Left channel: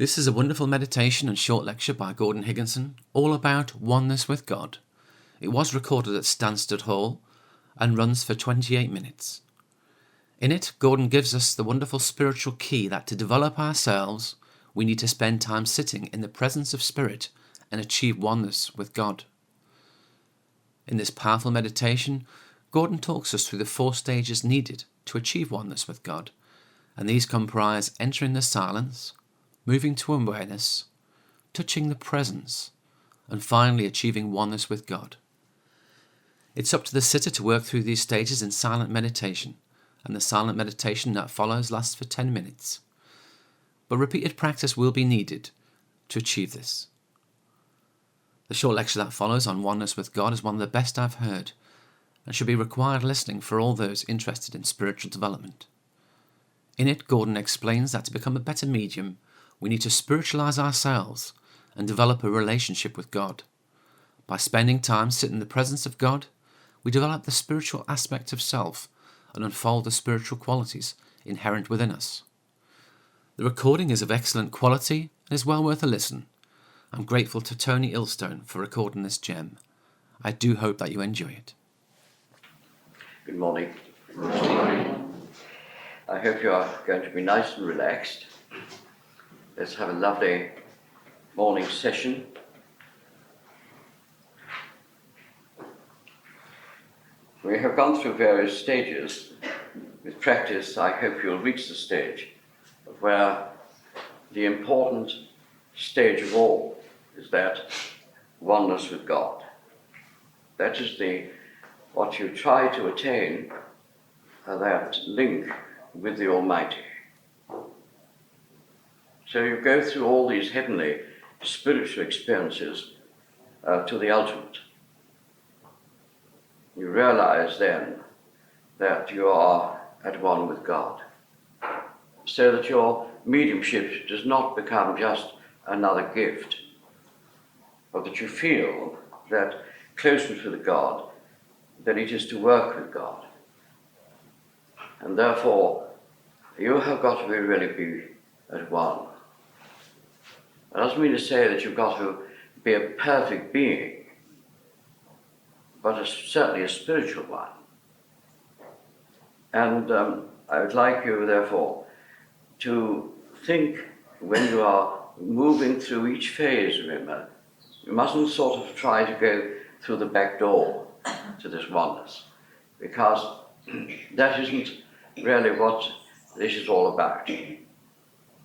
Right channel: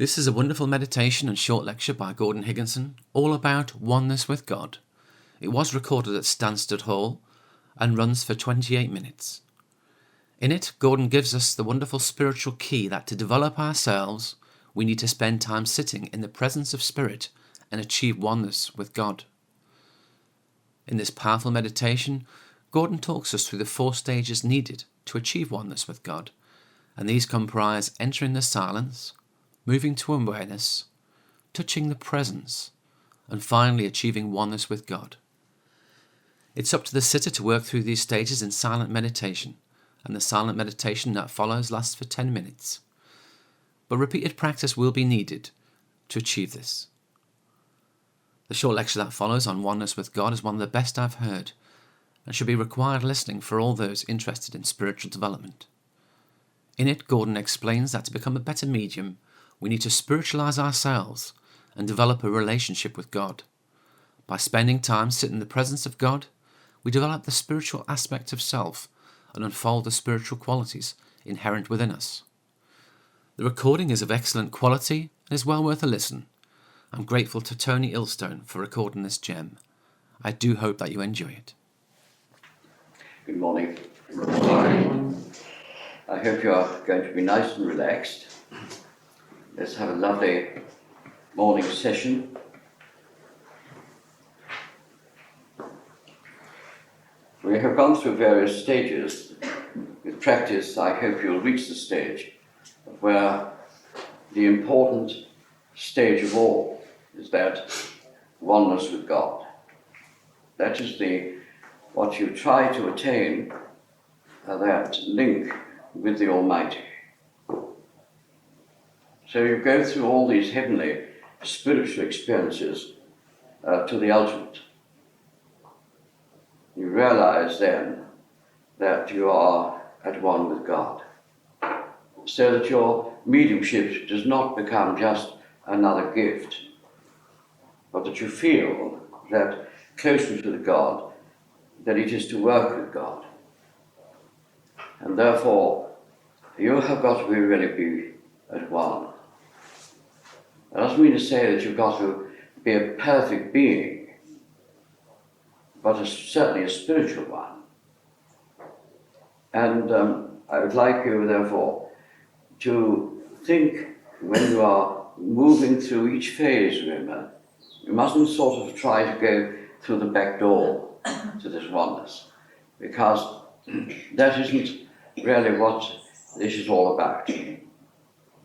This is a wonderful meditation and short lecture by Gordon Higginson, all about oneness with God. It was recorded at Stansted Hall and runs for 28 minutes. In it, Gordon gives us the wonderful spiritual key that to develop ourselves, we need to spend time sitting in the presence of Spirit and achieve oneness with God. In this powerful meditation, Gordon talks us through the 4 stages needed to achieve oneness with God, and these comprise entering the silence, moving to awareness, touching the presence, and finally achieving oneness with God. It's up to the sitter to work through these stages in silent meditation, and the silent meditation that follows lasts for 10 minutes. But repeated practice will be needed to achieve this. The short lecture that follows on oneness with God is one of the best I've heard, and should be required listening for all those interested in spiritual development. In it, Gordon explains that to become a better medium, we need to spiritualise ourselves and develop a relationship with God. By spending time sitting in the presence of God, we develop the spiritual aspect of self and unfold the spiritual qualities inherent within us. The recording is of excellent quality and is well worth a listen. I'm grateful to Tony Ilstone for recording this gem. I do hope that you enjoy it. Good morning. Good morning. I hope you are going to be nice and relaxed. Let's have a lovely morning session. We have gone through various stages. With practice, I hope you'll reach the stage where the important stage of all is that oneness with God. That is what you try to attain, that link with the Almighty. So you go through all these heavenly spiritual experiences to the ultimate. You realize then that you are at one with God, so that your mediumship does not become just another gift, but that you feel that closeness with God, that it is to work with God. And therefore, you have got to really be at one. That doesn't mean to say that you've got to be a perfect being, but certainly a spiritual one. And I would like you, therefore, to think when you are moving through each phase, remember, you mustn't sort of try to go through the back door to this oneness, because that isn't really what this is all about.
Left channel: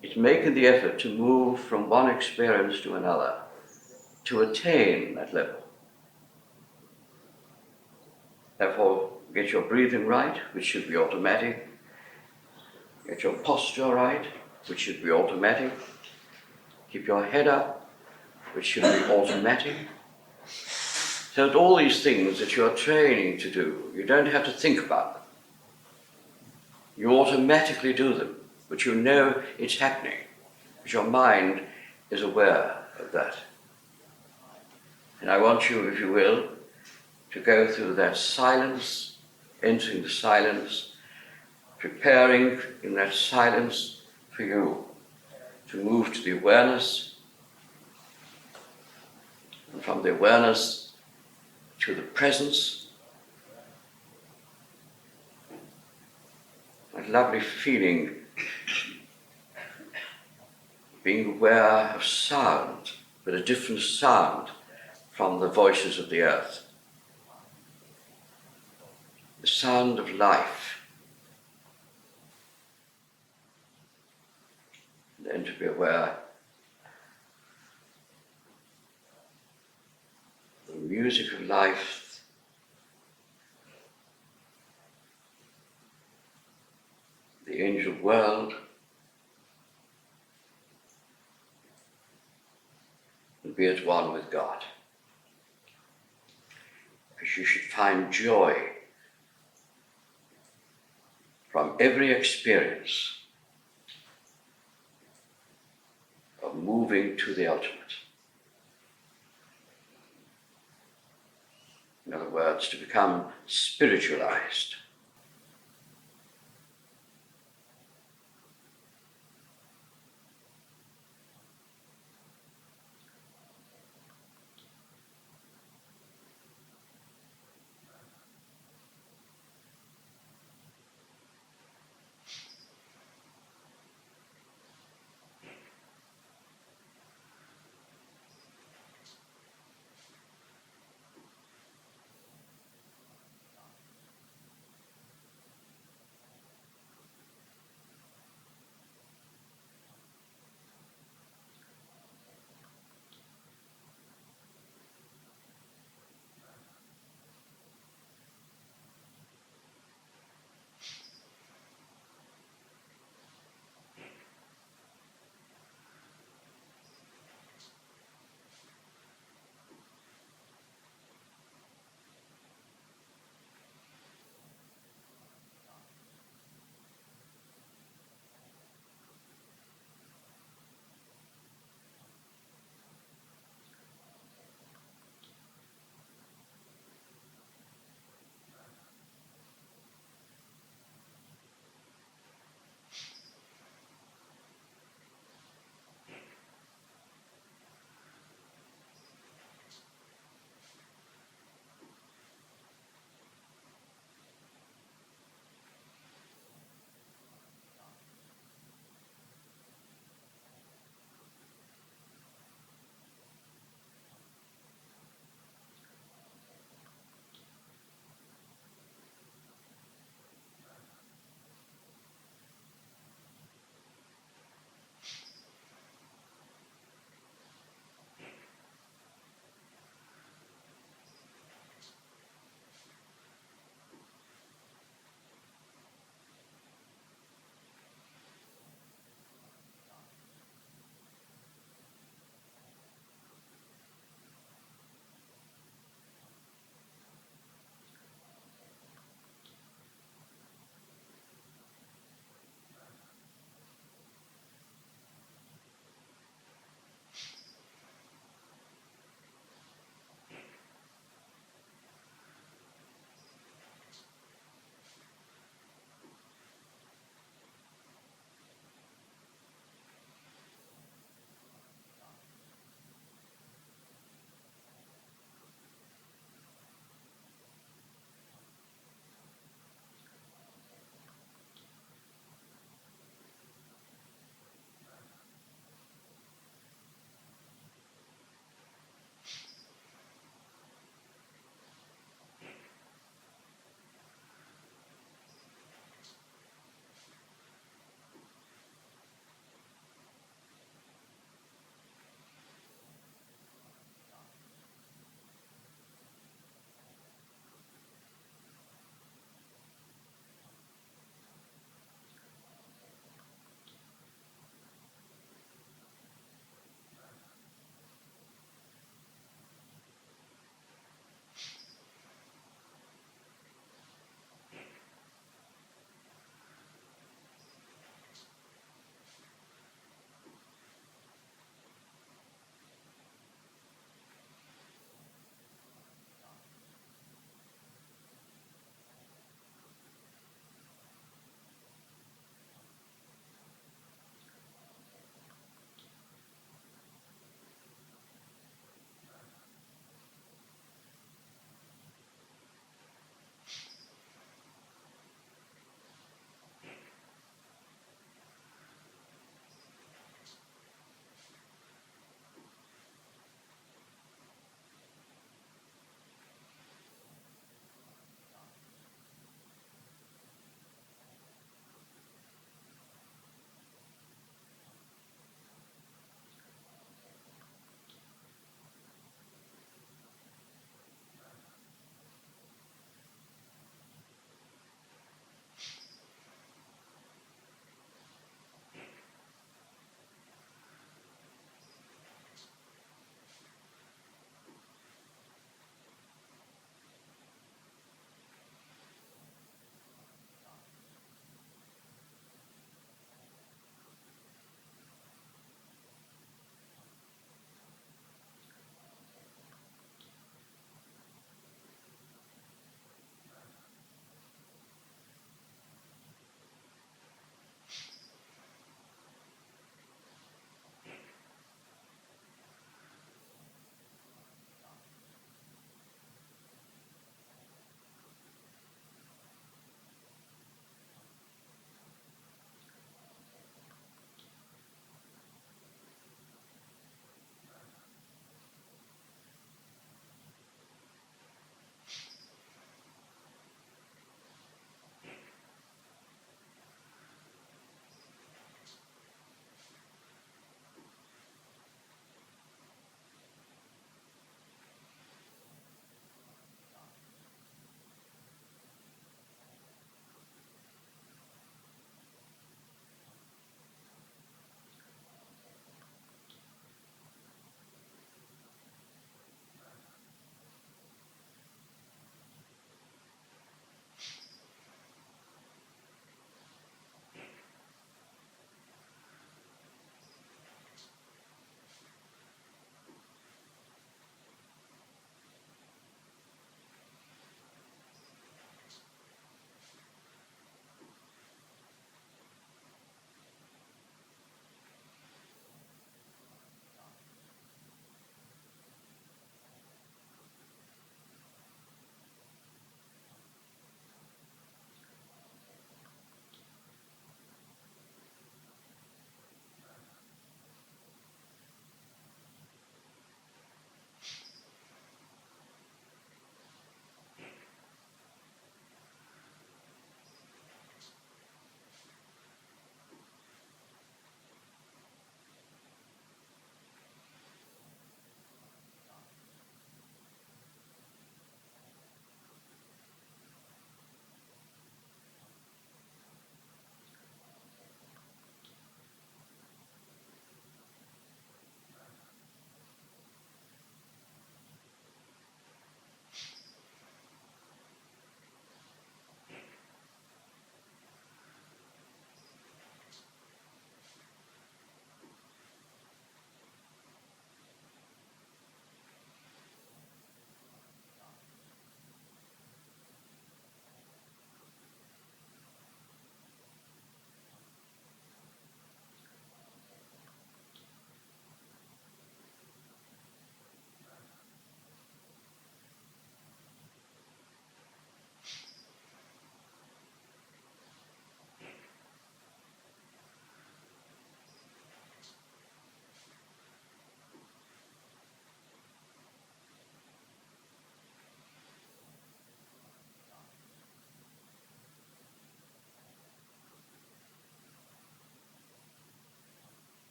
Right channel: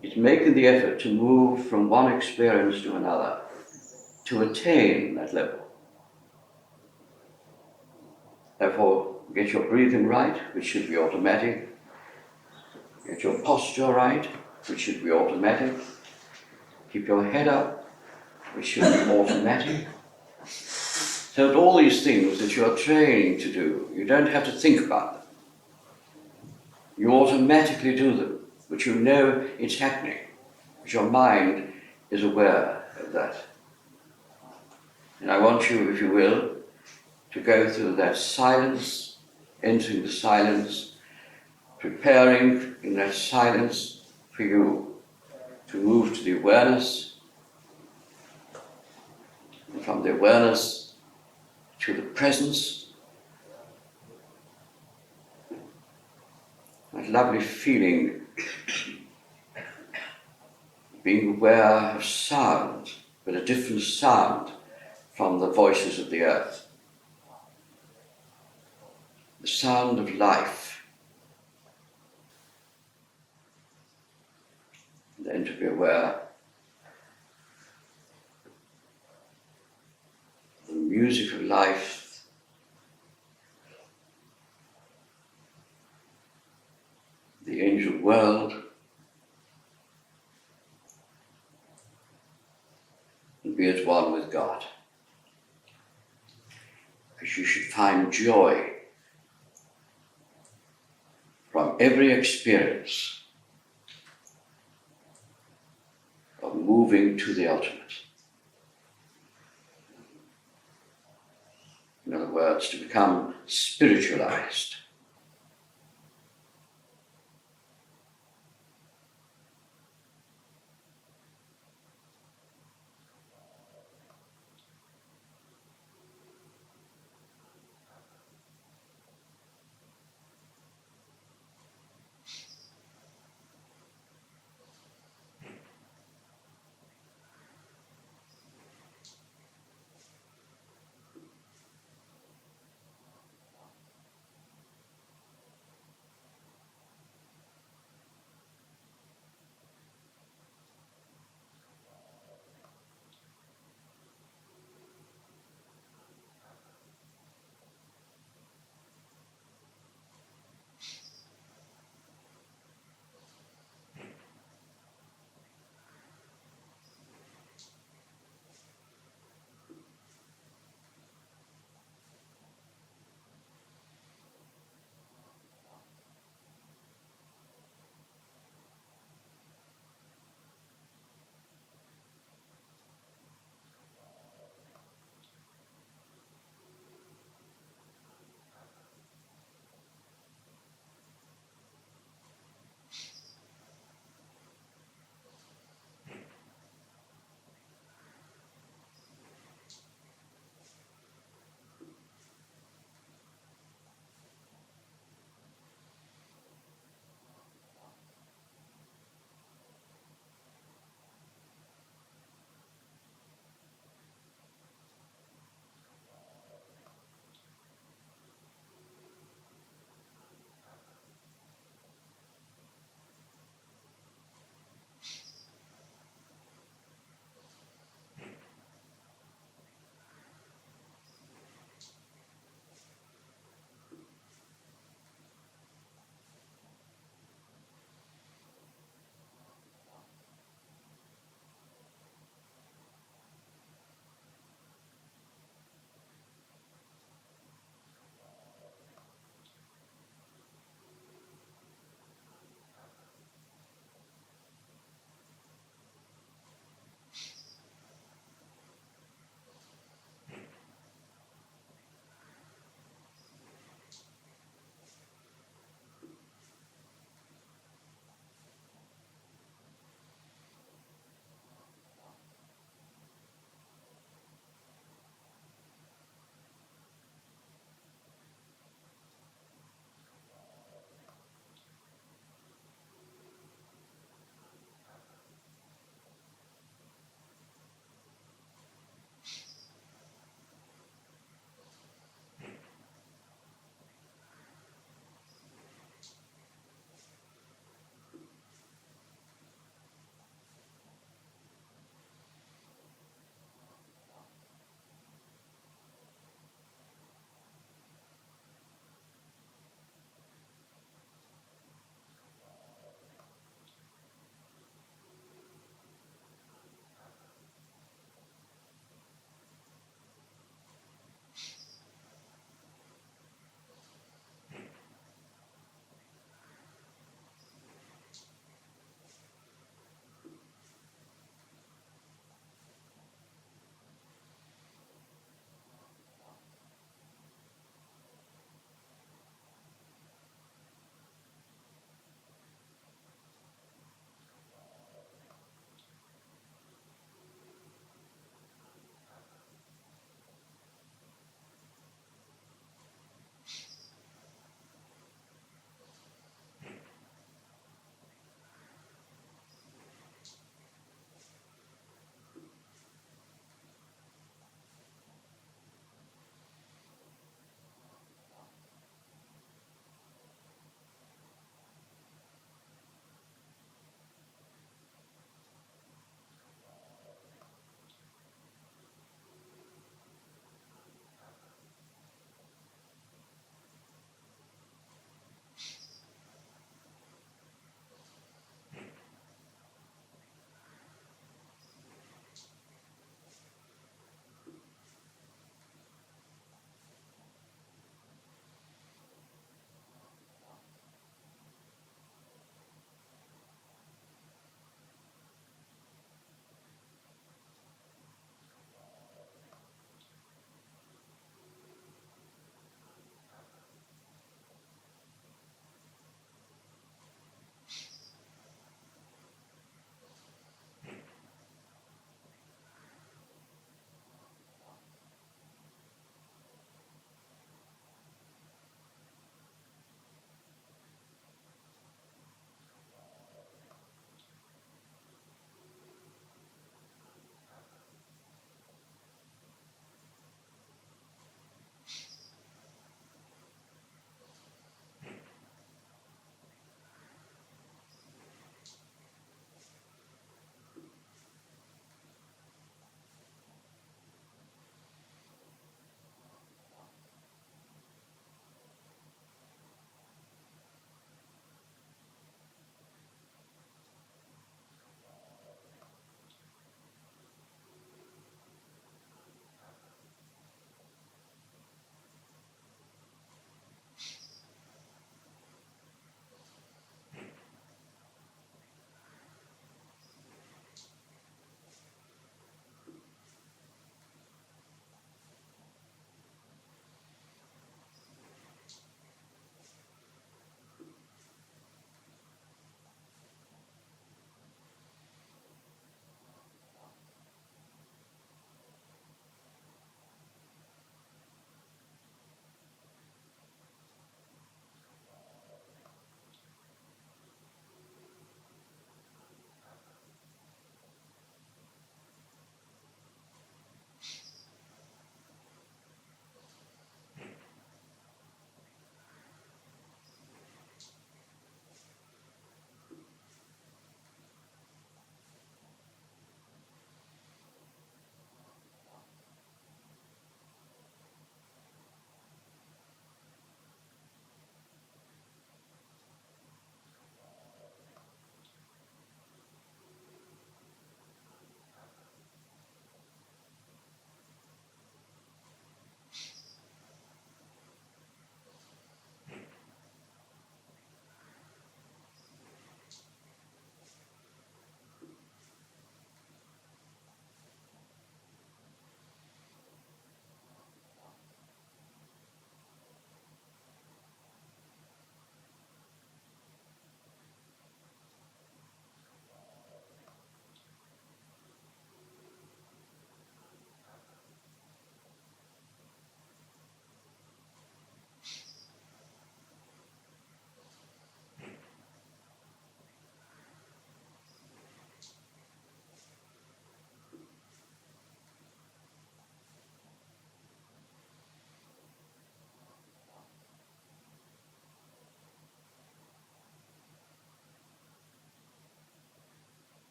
It's making the effort to move from one experience to another, to attain that level. Therefore, get your breathing right, which should be automatic. Get your posture right, which should be automatic. Keep your head up, which should be automatic. So that all these things that you are training to do, you don't have to think about them. You automatically do them, but you know it's happening, because your mind is aware of that. And I want you, if you will, to go through that silence, entering the silence, preparing in that silence for you to move to the awareness, and from the awareness to the presence, that lovely feeling, being aware of sound, but a different sound from the voices of the earth. The sound of life. And then to be aware of the music of life, the angel world, and be at one with God. Because you should find joy from every experience of moving to the ultimate. In other words, to become spiritualized.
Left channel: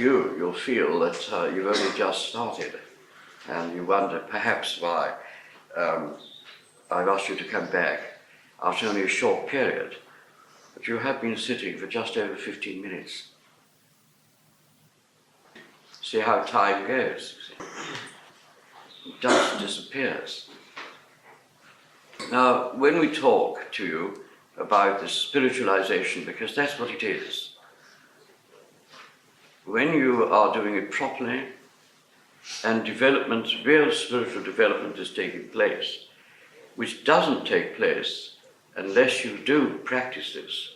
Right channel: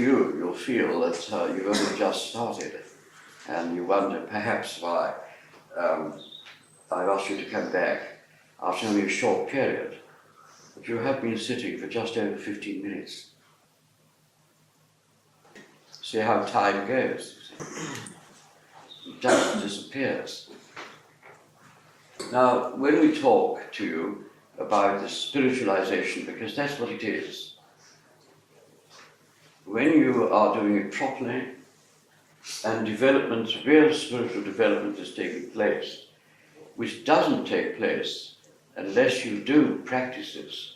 you, you'll feel that you've only just started, and you wonder perhaps why I've asked you to come back after only a short period, but you have been sitting for just over 15 minutes. See how time goes. It just disappears. Now, when we talk to you about the spiritualization, because that's what it is, when you are doing it properly and development, real spiritual development is taking place, which doesn't take place unless you do practice this,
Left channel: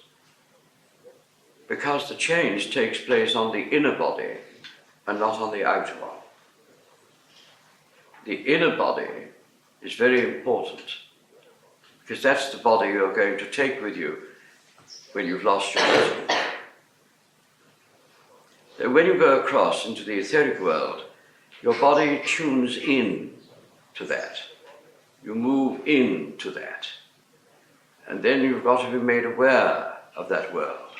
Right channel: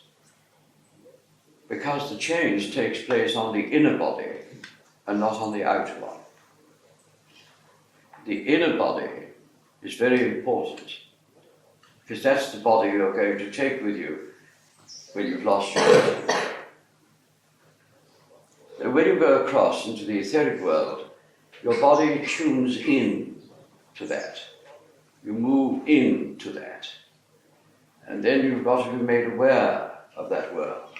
because the change takes place on the inner body and not on the outer one. The inner body is very important, because that's the body you're going to take with you when you've lost your body. So when you go across into the etheric world, your body tunes in to that. You move into that. And then you've got to be made aware of that world.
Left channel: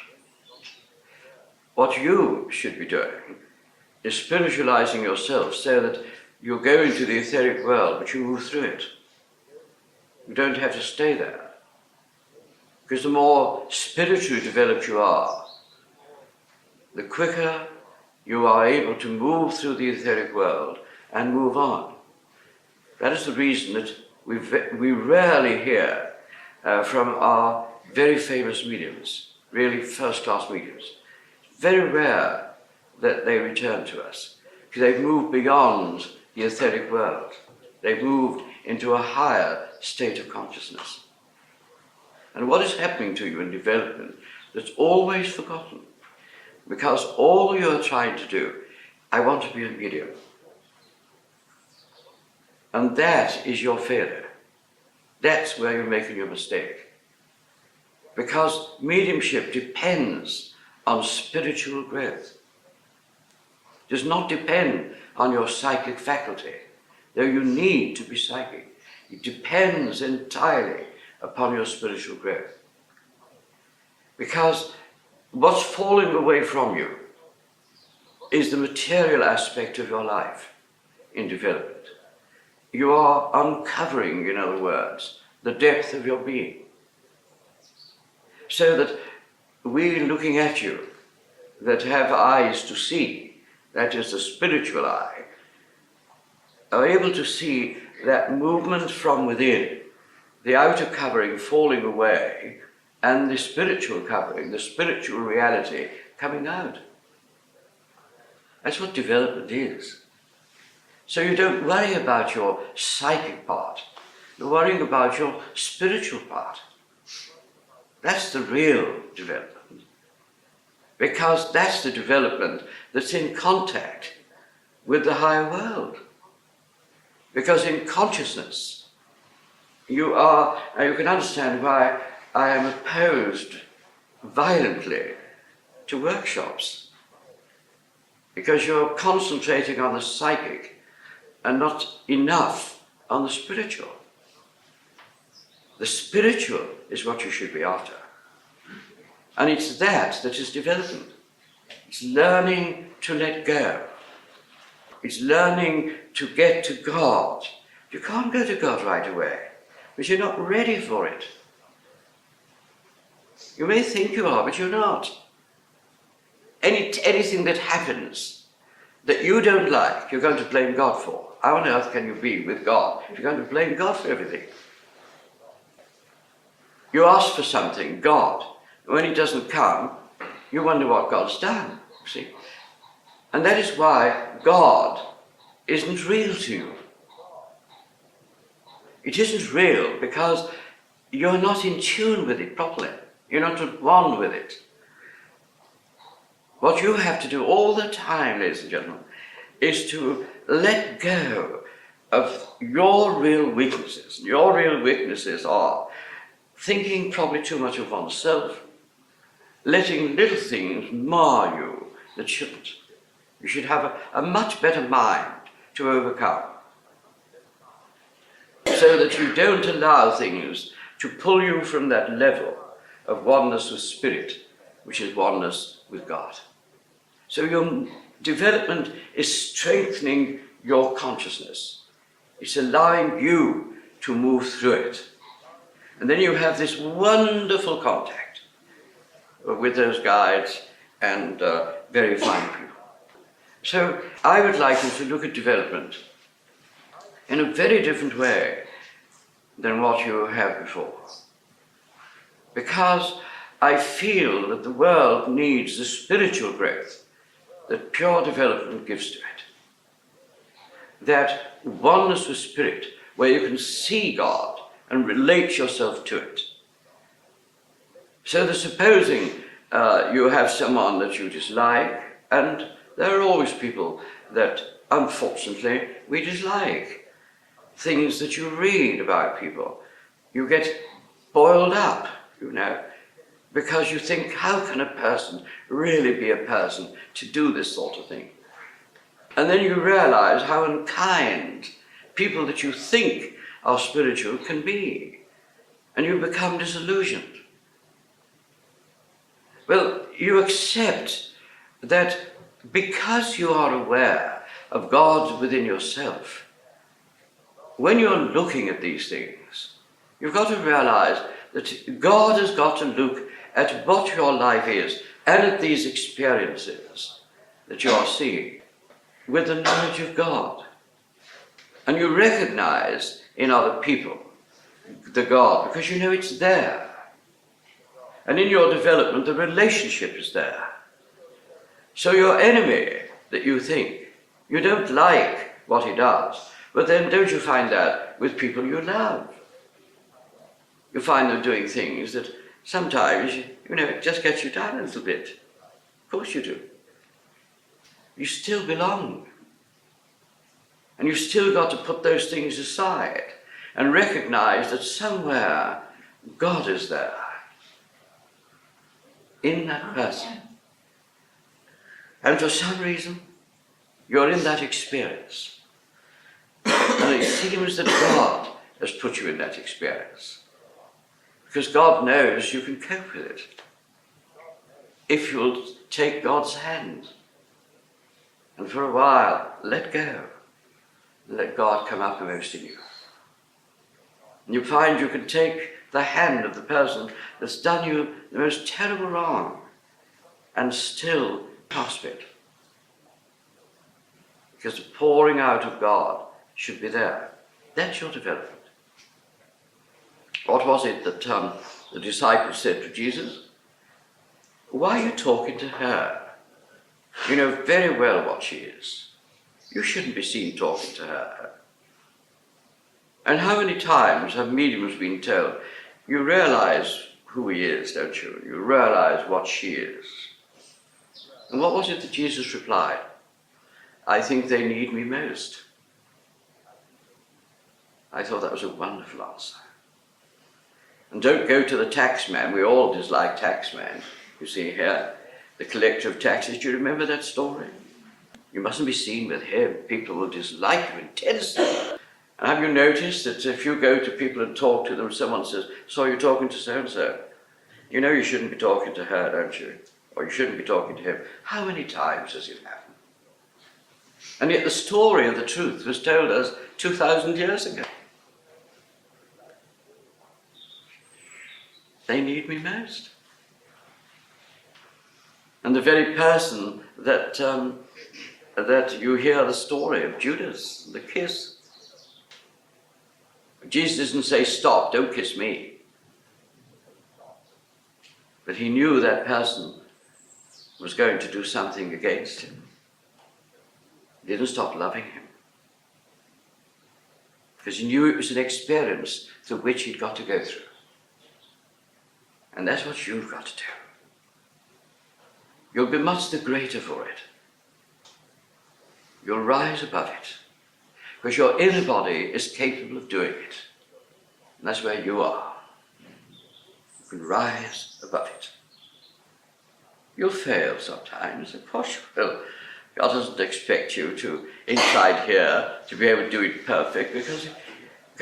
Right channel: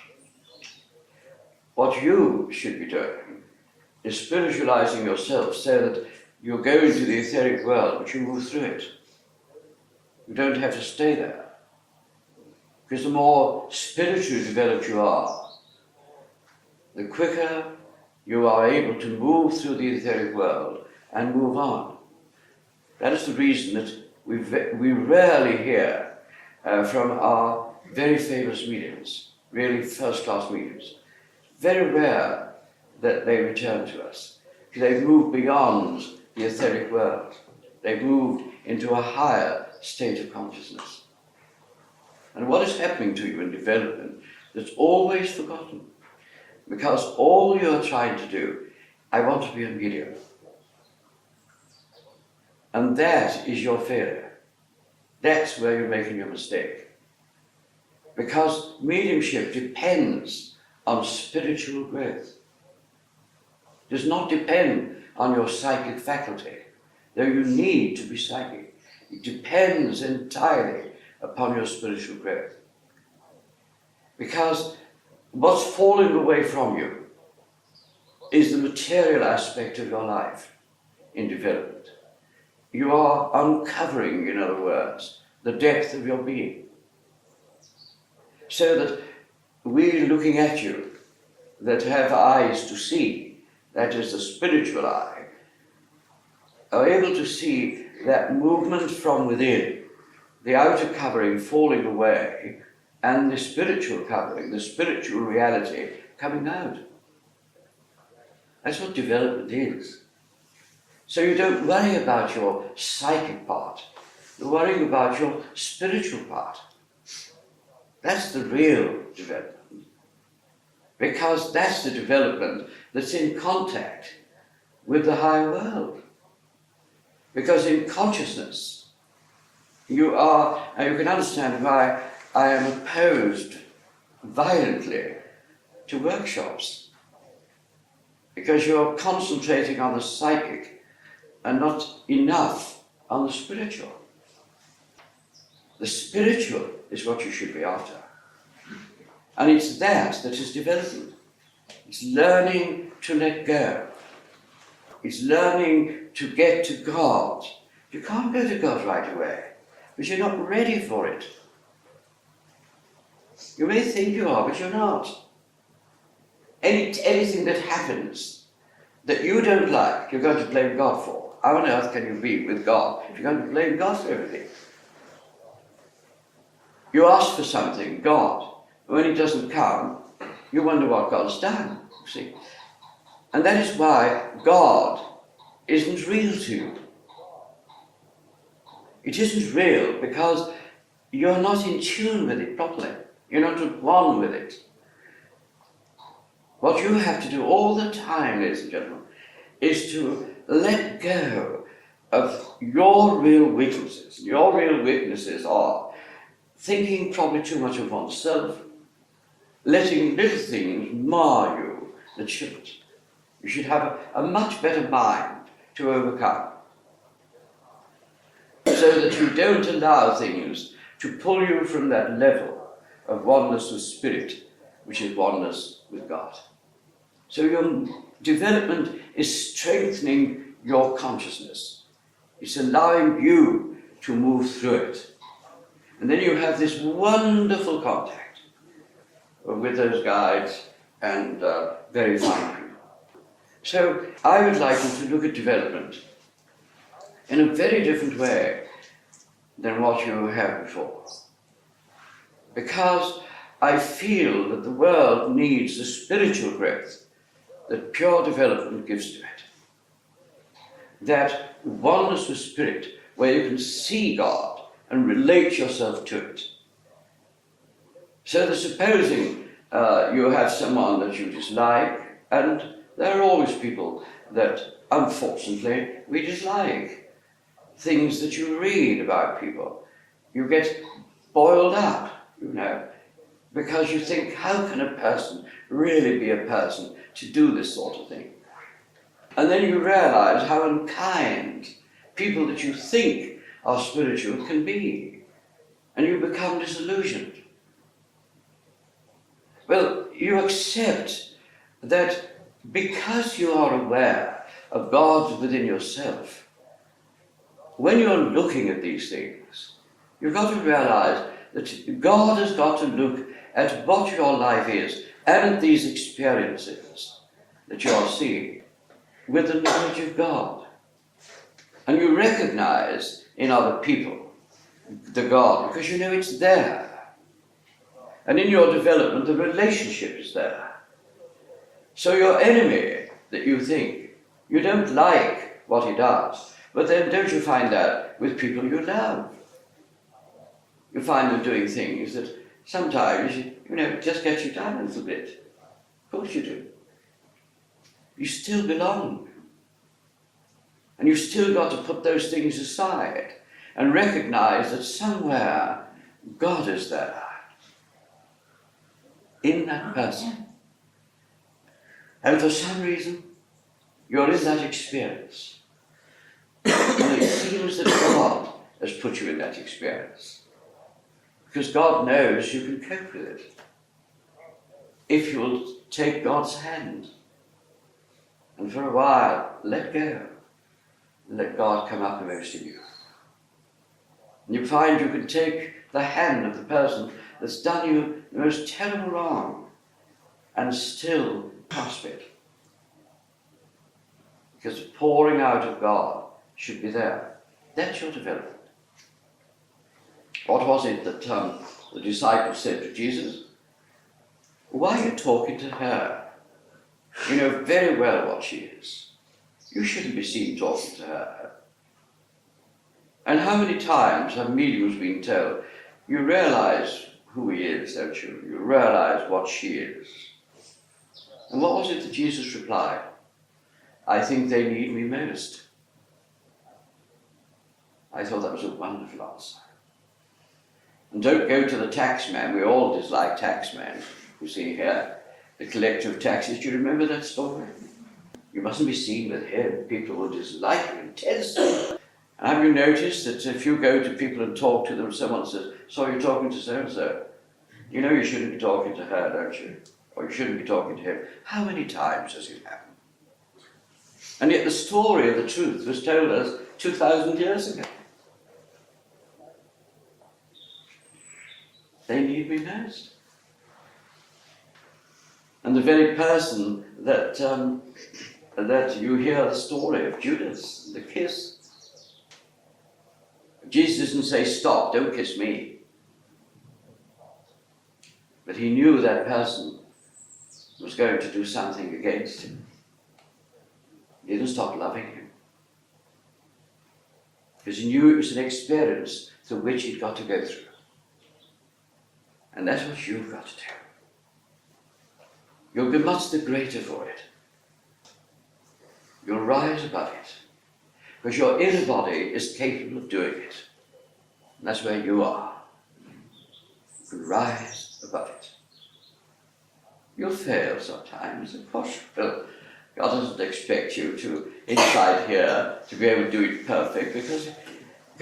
What you should be doing is spiritualizing yourself so that you go into the etheric world, but you move through it. You don't have to stay there. Because the more spiritually developed you are, the quicker you are able to move through the etheric world and move on. That is the reason that we rarely hear from our very famous mediums, really first-class mediums. Very rare that they return to us, because they've moved beyond the etheric world. They've moved into a higher state of consciousness. And what is happening to you in development that's always forgotten, because all you're trying to do, I want to be a medium. And that is your failure. That's where you're making your mistake. Because mediumship depends on spiritual growth. It does not depend on your psychic faculty, though you need to be psychic. It depends entirely upon your spiritual growth. Because what's falling away from you is the material aspect of your life in development. You are uncovering, in other words, the depth of your being. So that we looking at you that have eyes to see, that is the spiritual eye, are able to see that movement from within, the outer covering falling away, and the spiritual covering, the spiritual reality coming out. That's what development is. So you don't worry about your psychic part, you're worrying about your spiritual part. That's the real development. Because that's the development that's in contact with the higher world. Because in consciousness, you can understand why I am opposed violently to workshops. Because you're concentrating on the psychic and not enough on the spiritual. The spiritual is what you should be after. And it's that is development. It's learning to let go. It's learning to get to God. You can't go to God right away, because you're not ready for it. You may think you are, but you're not. Anything that happens that you don't like, you're going to blame God for. How on earth can you be with God if you're going to blame God for everything? You ask for something, God, when it doesn't come, you wonder what God's done, see? And that is why God isn't real to you. It isn't real because you're not in tune with it properly. You're not at one with it. What you have to do all the time, ladies and gentlemen, is to let go of your real weaknesses. Your real weaknesses are thinking probably too much of oneself, letting little things mar you that shouldn't. You should have a much better mind to overcome, so that you don't allow things to pull you from that level of oneness with spirit, which is oneness with God. So you're Development is strengthening your consciousness. It's allowing you to move through it. And then you have this wonderful contact with those guides and very fine people. So I would like you to look at development in a very different way than what you have before. Because I feel that the world needs the spiritual growth that pure development gives to it. That oneness with spirit, where you can see God and relate yourself to it. So that supposing you have someone that you dislike, and there are always people that unfortunately we dislike. Things that you read about people, you get boiled up, you know, because you think, how can a person really be a person to do this sort of thing? And then you realize how unkind people that you think are spiritual can be, and you become disillusioned. Well, you accept that because you are aware of God within yourself, when you're looking at these things, you've got to realize that God has got to look at what your life is and at these experiences that you are seeing with the knowledge of God. And you recognize in other people the God because you know it's there. And in your development, the relationship is there. So your enemy that you think, you don't like what he does, but then don't you find that with people you love? You find them doing things that sometimes, you know, it just gets you down a little bit. Of course you do. You still belong. And you've still got to put those things aside and recognize that somewhere God is there. In that person. And for some reason, you're in that experience. And it seems that God has put you in that experience. Because God knows you can cope with it. If you'll take God's hand and for a while let go. Let God come uppermost in you. And you find you can take the hand of the person that's done you the most terrible wrong and still clasp it. Because the pouring out of God should be there. That's your development. What was it that the disciples said to Jesus? Why are you talking to her? You know very well what she is. You shouldn't be seen talking to her. And how many times have mediums been told, you realize who he is, don't you? You realize what she is. And what was it that Jesus replied? I think they need me most. I thought that was a wonderful answer. And don't go to the taxman. We all dislike taxman. You see here, the collector of taxes. Do you remember that story? You mustn't be seen with him. People will dislike you intensely. And have you noticed that if you go to people and talk to them, someone says, so you're talking to so-and-so? You know you shouldn't be talking to her, don't you? Or you shouldn't be talking to him. How many times has it happened? And yet the story of the truth was told us 2,000 years ago. They need me most. And the very person that you hear the story of Judas, the kiss. Jesus didn't say, stop, don't kiss me. But he knew that person was going to do something against him. He didn't stop loving him. Because he knew it was an experience through which he'd got to go through. And that's what you've got to do. You'll be much the greater for it. You'll rise above it. Because your inner body is capable of doing it. And that's where you are. You can rise above it. You'll fail sometimes, of course you will. God doesn't expect you to, inside here, to be able to do it perfect, because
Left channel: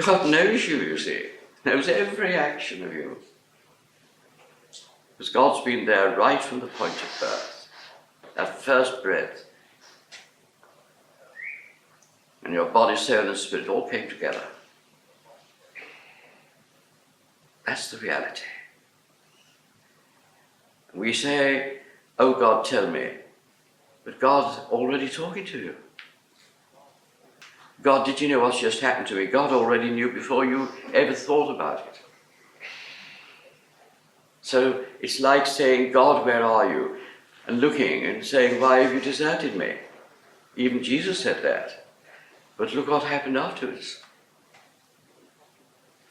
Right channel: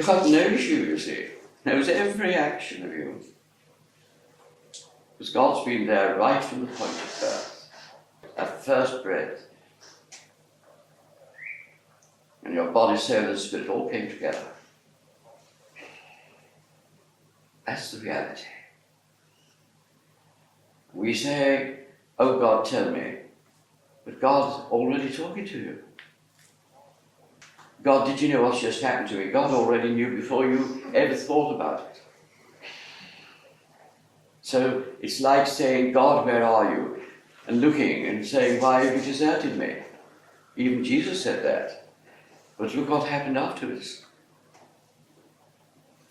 God knows you see. Knows every action of you. Because God's been there right from the point of birth. That first breath And your body, soul, and spirit all came together. That's the reality. We say, oh God, tell me. But God's already talking to you. God, did you know what's just happened to me? God already knew before you ever thought about it. So it's like saying, God, where are you? And looking and saying, why have you deserted me? Even Jesus said that. But look what happened afterwards.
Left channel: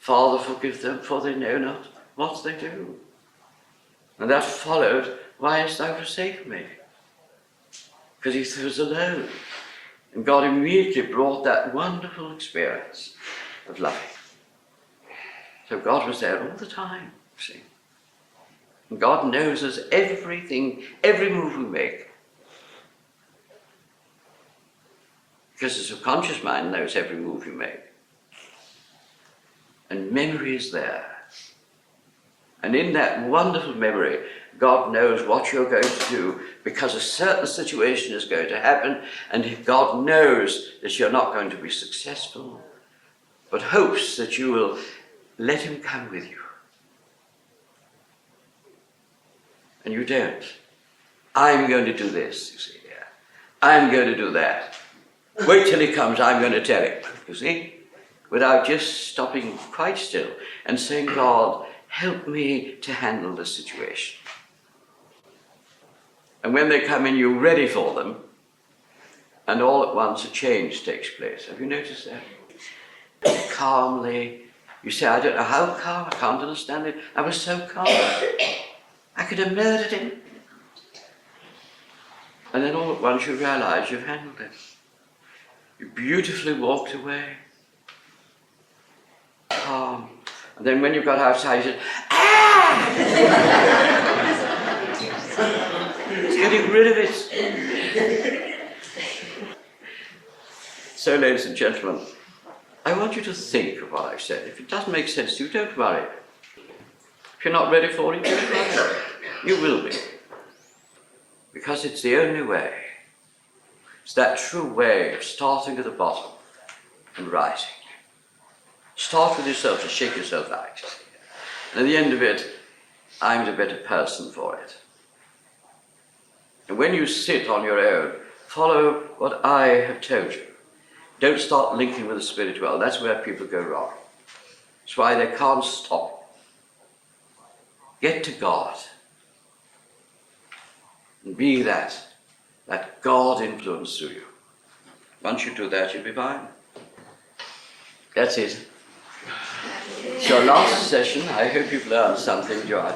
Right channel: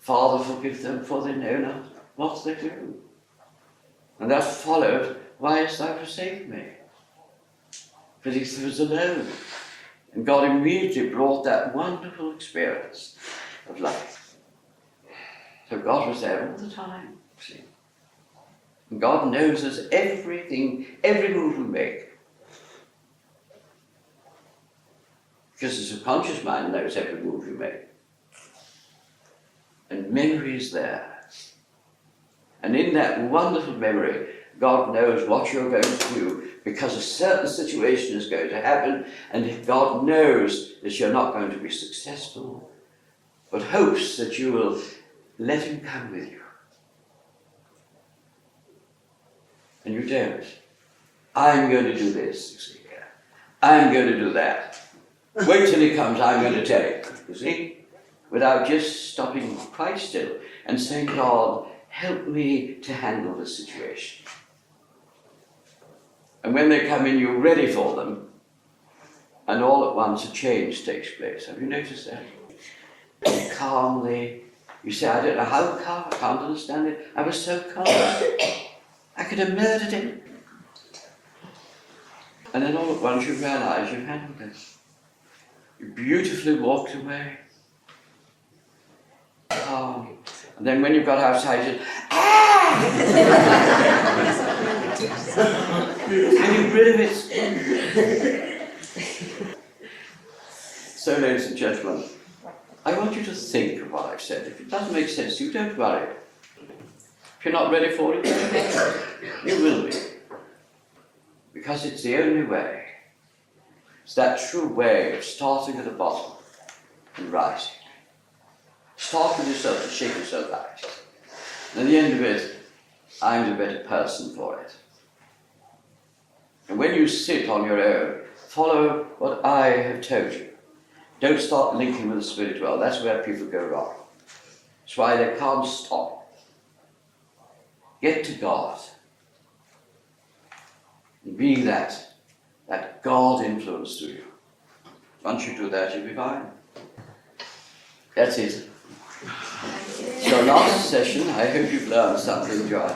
Father, forgive them, for they know not what they do. And that followed, why hast thou forsaken me? Because he was alone. And God immediately brought that wonderful experience of life. So God was there all the time, see. And God knows us everything, every move we make. Because the subconscious mind knows every move you make. And memory is there. And in that wonderful memory, God knows what you're going to do because a certain situation is going to happen, and God knows that you're not going to be successful, but hopes that you will let him come with you. And you don't. I'm going to do this, you see. I'm going to do that. Wait till he comes, I'm going to tell him, you see. Without just stopping quite still and saying, God, help me to handle this situation. And when they come in, you're ready for them, and all at once a change takes place. Have you noticed that? Calmly, you say, I don't know how calm, I can't understand it. I was so calm. I could have murdered him. And then all at once you realize you've handled it. You beautifully walked away. Calm. And then when you got outside, you said, ah! Getting rid of it. So, ladies and gentlemen, I want you to think of what I've said. If it doesn't make sense to you, don't worry. If you're not ready for it, don't worry. You will be. Because it's the only way. It's that true way of starting at the bottom and rising. Start with yourself and shake yourself out. And at the end of it, I'm the better person for it. And when you sit on your own, follow what I have told you. Don't start linking with the spirit world. That's where people go wrong. That's why they can't stop. Get to God. And be that God influence through you. Once you do that, you'll be fine. That's it. It's your last session. I hope you've learned something, Joy.